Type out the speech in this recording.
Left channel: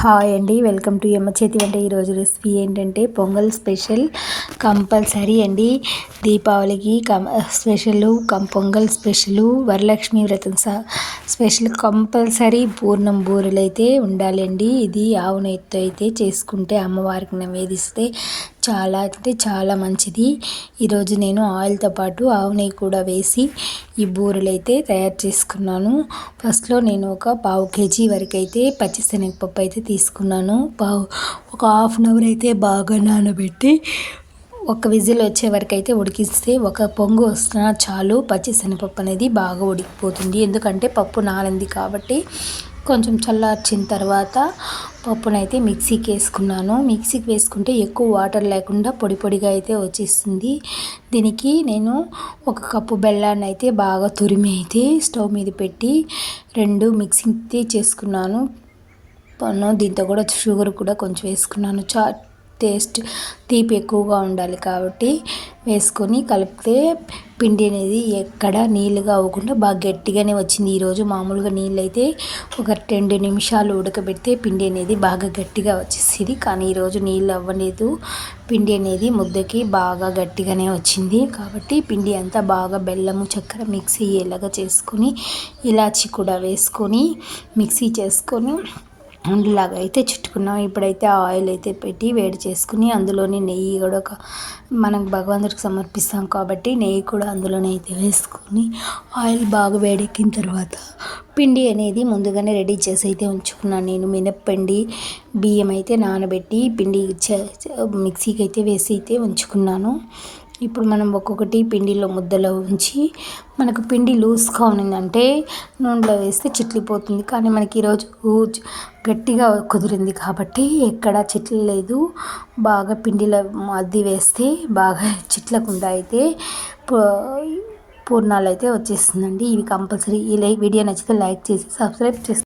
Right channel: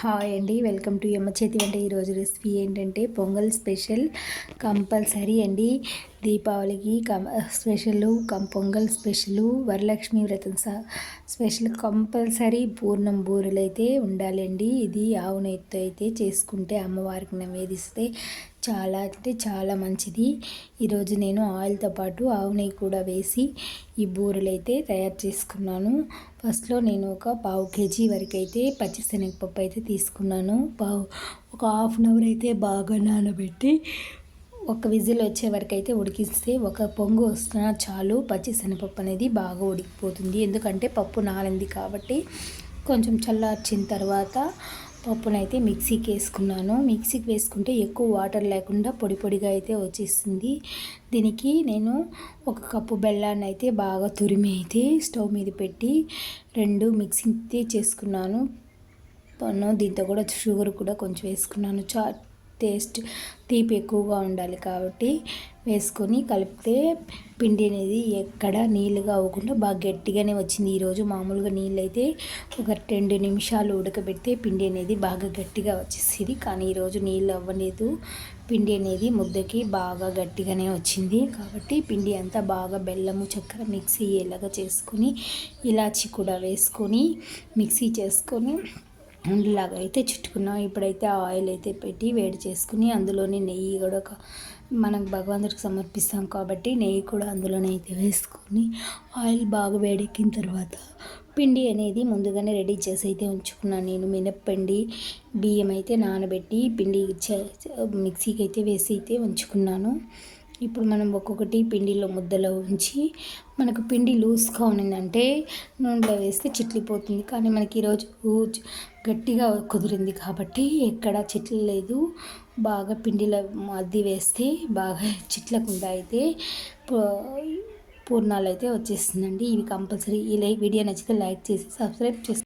Hi అండి, welcome to యమ్మ చేతి వంట. ఈరోజు రెసిపీ ఏంటంటే పొంగల్ స్పెషల్ కంపల్సరీ అండి. దీపావళికి స్పెషల్ పొంగల్ స్పెషల్, వరలక్ష్మి వ్రతం స్పెషల్ కంపల్సరీ పూర్ణం బూరెలు అయితే ఉండాలండి. ఇది ఆవు నెయ్యితో అయితే చేసుకుంటే అమ్మవారికి నివేదిస్తే చాలా అంటే చాలా మంచిది. ఈరోజు నేను ఆయిల్తో పాటు ఆవు నెయ్యి కూడా వేసి ఈ బూరెలు అయితే తయారు చేసుకున్నాను. ఫస్ట్లో నేను ఒక పావు కేజీ వరకు అయితే పచ్చిశనగపప్పు అయితే తీసుకున్నాను. ఒక హాఫ్ అన్ అవర్ అయితే బాగా నానబెట్టి ఒక విజిల్ వచ్చే వరకు అయితే ఉడికిస్తే, ఒక పొంగు వస్తున్నా చాలు. పచ్చిశనగపప్పు అనేది బాగా ఉడికిపోతుంది, ఎందుకంటే పప్పు నానింది కాబట్టి. కొంచెం చల్లార్చిన తర్వాత పప్పునైతే మిక్సీకి వేసుకున్నాను. మిక్సీకి వేసుకుంటే ఎక్కువ వాటర్ లేకుండా పొడి పొడిగా అయితే వచ్చేస్తుంది. దీనికి నేను ఒక కప్పు బెల్లాన్ని అయితే బాగా తురిమి అయితే స్టవ్ మీద పెట్టి 2 మిక్సింగ్ చేసుకున్నాను. దీంతో కూడా షుగర్ కూడా కొంచెం వేసుకున్నాను. టేస్ట్ తీపి ఎక్కువగా ఉండాలి కాబట్టి వేసుకొని కలిపితే పిండి అనేది ఎక్కడ నీళ్ళుగా అవ్వకుండా బాగా గట్టిగానే వచ్చింది. ఈరోజు మామూలుగా నీళ్ళు అయితే ఒక 2 నిమిషాలు ఉడకబెడితే పిండి అనేది బాగా గట్టిగా వచ్చేసింది. కానీ ఈరోజు నీళ్ళు అవ్వలేదు, పిండి అనేది ముద్దకి బాగా గట్టిగానే వచ్చింది. కాబట్టి పిండి అంతా బాగా బెల్లము చక్కెర మిక్సీ అయ్యేలాగా చేసుకొని, ఇలాచి కూడా వేసుకొని మిక్సీ చేసుకొని ఉండలాగా అయితే చుట్టుకున్నాం. ఇప్పుడైతే ఆయిల్ అయితే పెట్టి వేడి చేసుకుని అందులోని నెయ్యి కూడా మనం భగవంతుడికి సమర్పిస్తాం కాబట్టి నెయ్యి కూడా అందులోనే అయితే వేసుకొని ఆయిల్ బాగా వేడెక్కిన తర్వాత పిండి అనేది ముందుగానే రెడీ చేసి అయితే ఉంచుకున్నాను. నేను మినప్పిండి బియ్యం అయితే నానబెట్టి పిండి మిక్సీకి అయితే వేసి అయితే ఉంచుకున్నాను. ఇప్పుడు మనం ఒక్కొక్కటి పిండిలో ముద్దలో ఉంచి, మనకు పిండి లూజ్గా ఉన్నదంటే నూనెలో వేస్తే చిట్లిపోతుంది. కానీ మనకి ఈరోజు గట్టిగా కుదిరింది కాబట్టి ఎక్కడ చిట్లలేదు. బాగా పిండిలో అద్ది వేస్తే బాగా చిట్లకుండా అయితే పూర్ణాలు అయితే వచ్చేస్తుందండి. ఇవి కంపల్సరీ. ఈ వీడియో నచ్చితే లైక్ చేసి సబ్స్క్రైబ్ చేసి